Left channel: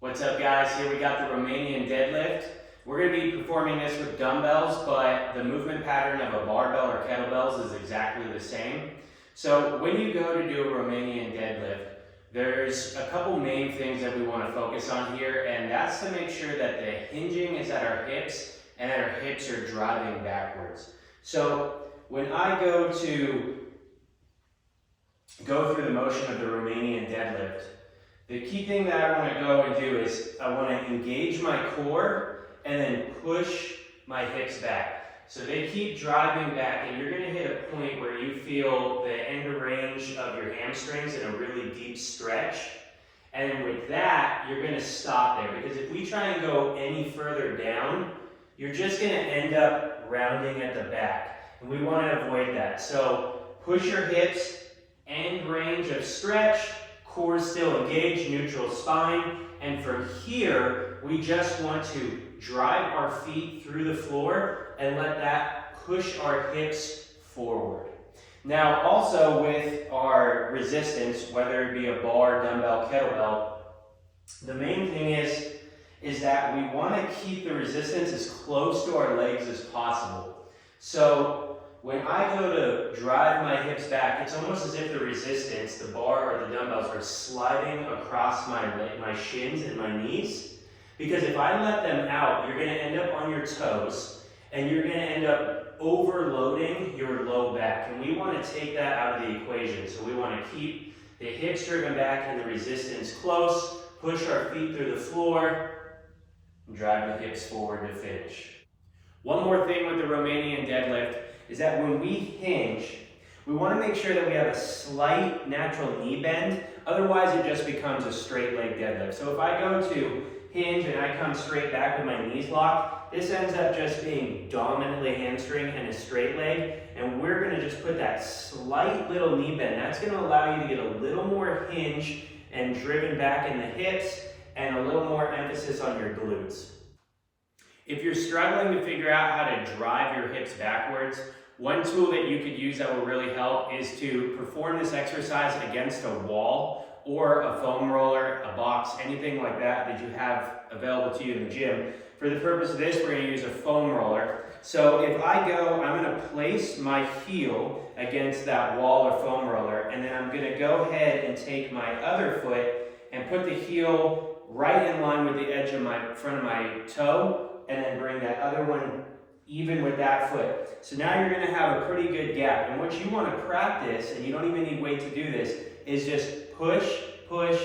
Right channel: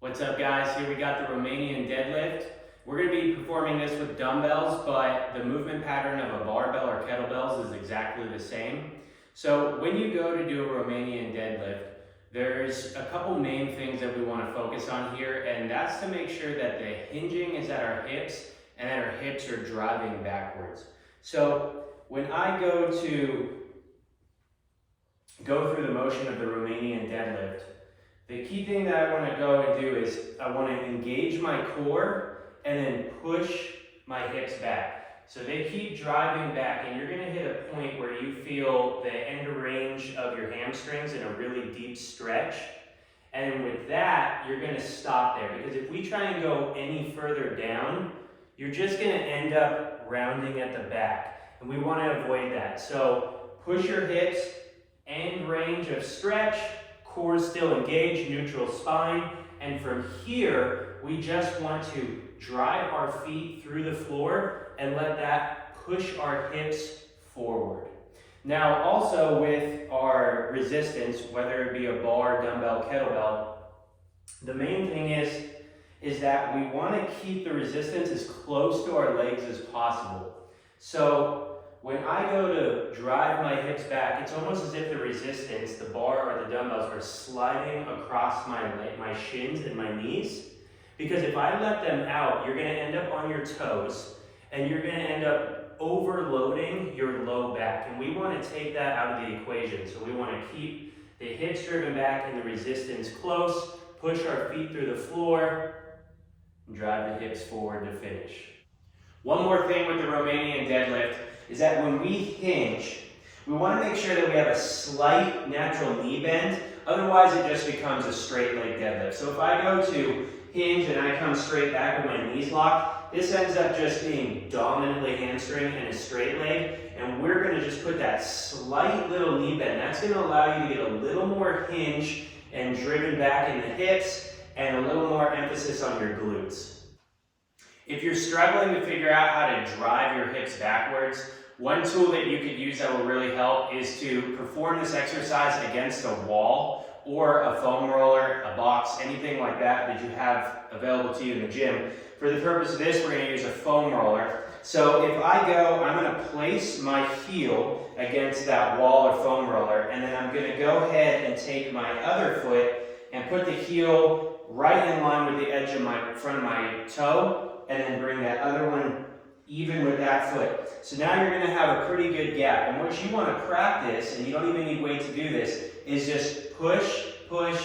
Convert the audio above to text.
What's up, guys? Here we got the Romanian deadlift. We're going to be performing this with dumbbells, but the movement pattern of a barbell or kettlebells is exactly the same. So when you go to do a Romanian deadlift, there's a couple main things that we want to focus on here, and that's to make sure that the hinging is at our hips and that our hips are driving backwards. So when I go through the motion of the Romanian deadlift, the key thing that I want to go and do is I want to engage my core and then push my hips back. So they keep driving back, and you're going to hit a point where you feel the end range of your hamstrings in a really deep stretch. And with that, you're going to stop there, because if we try and go any further down, you're just going to end up rounding at the back. And we want to avoid that. So push your hips, end range of stretch, core still engaged, neutral spine, and from here, we just want to drive our feet through the floor and let that push our hips forward. Now, also with our resistance, whether it be a bar, dumbbell, kettlebell, the main thing is that we want to keep the resistance as close to our legs as possible. So when I go to drive my hips back, it's almost as if the resistance, the bar or the dumbbells, are sliding across my shins and my knees. Because if I let them out, you're going to end up on your toes, and you're going to end up overloading your low back. And we want to take that out of the equation. So we want to keep the hips driven back and the resistance close, push our feet through the floor, and drive the hips forward to finish. One more thing with the Romanian deadlift is that when we hinge, we want to make sure that we have a slight natural knee bend. Otherwise, it just becomes a straight leg deadlift. So if I go to hinge and I come straight back with my knees locked, this ends up just being dominantly hamstring and a straight leg. And we're going to just put that slight little knee bend. That's going to allow you to get a little more hinge and driven back in the hips and a little more emphasis on your glutes. If you're struggling to figure out how to drive your hips backwards, one tool that you could use that will really help is to perform this exercise against a wall or a foam roller, a box, anything like that you have available to you in the gym. For the purpose of this, we're going to use a foam roller. So if I go, I'm going to place my heel against that wall or foam roller, and then I'm going to go ahead and take my other foot and put the heel right in line with the edge of my front of my toe, and then bring that other one even with that foot. So now you're going to have a pretty good gap. And what you want to practice, and you don't even need weight to do this, is just push, push,